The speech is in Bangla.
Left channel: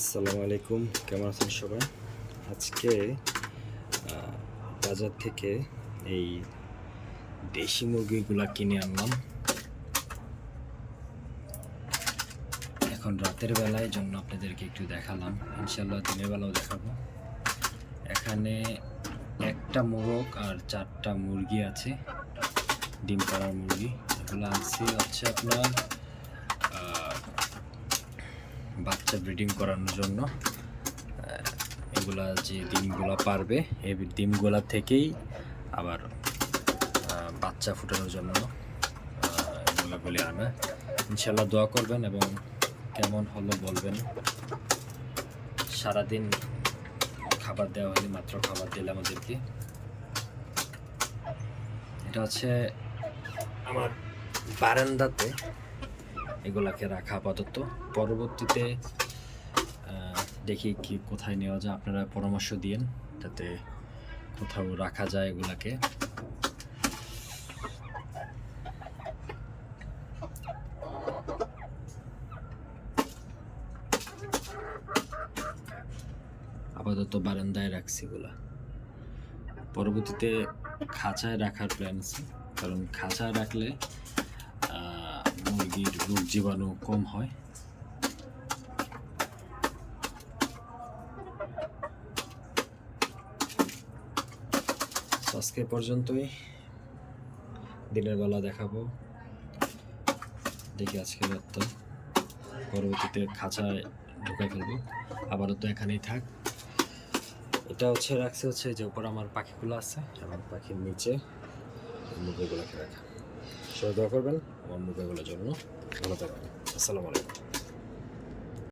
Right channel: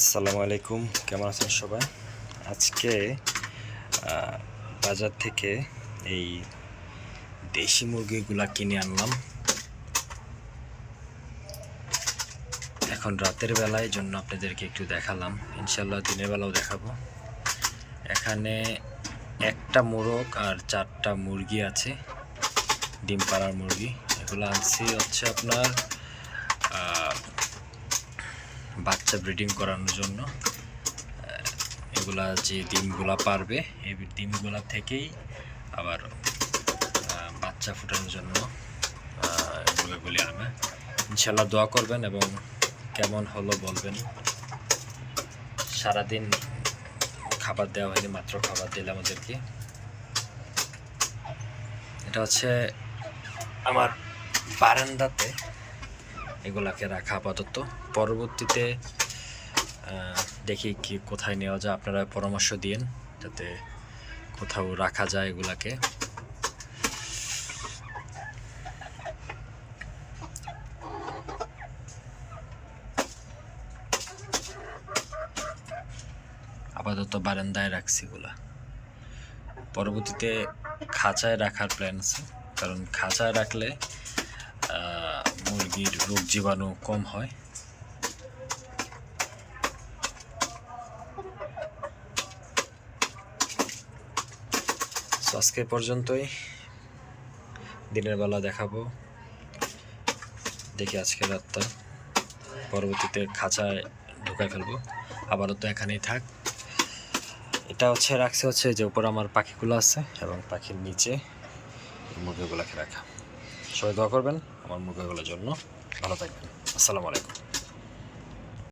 আসসালামু আলাইকুম, কেমন আছেন সবাই? আজকে বাজার থেকে এই দেশি মুরগিগুলা কিনে আনলাম। এখন রাতের বেলায় জন্য আপনাদেরকে একটু দেখালাম। ইনশাল্লাহ দিনের বেলাও দেখাবো। এখানে একটা মোরগ আর চারটা মুরগি আছে, ডিম পাড়ার মুরগি। এগুলো আনছি হচ্ছে আপনার বাচ্চা ব্রিডিং করানোর জন্য এগুলা যে ডিমগুলা পারবে, এই ডিমগুলা থেকেই আবার বাচ্চা ফুটানোর জন্য মুরগাগুলি আনে। ইনশাল্লাহ দোয়া করবেন এবং কেমন হলো বলবেন। সারাদিন খাবার দেওয়া হয়নি, মাত্র খাবার দিলে আমাদেরকে এটা হচ্ছে আমার বারান্দাতে এগুলাকে রাখা আপাতত। পরবর্তীতে দেখি কি কোথায় নেওয়া যায়। আপনারা পরামর্শ দিয়েন যাতে কোথাও রাখা যায় এগুলাকে। আপাতত বারান্দায় রাখছি এগুলা। পরবর্তীতে খাঁচায় রাখার প্ল্যান আছে। কারণ খাঁচায় রাখলে মুরগির রোগ জীবাণু কম হয়। আজকে পর্যন্তই। দিনের বেলা দেখাবো। দেখি আজকে রাতটা। পরবর্তীতে খাঁচায় ঢুকাই ফেলব। আবারও তো এখানেই থাক। এটা হচ্ছে, রাখছে হচ্ছে যে উপর আমার পাখিগুলো আছে এবং পাখির নিচে মুরগিগুলোকে রাখা। সবাই দোয়া করবেন আমার মুখগুলোর জন্য। ভালো থাকবেন। আসসালামু আলাইকুম।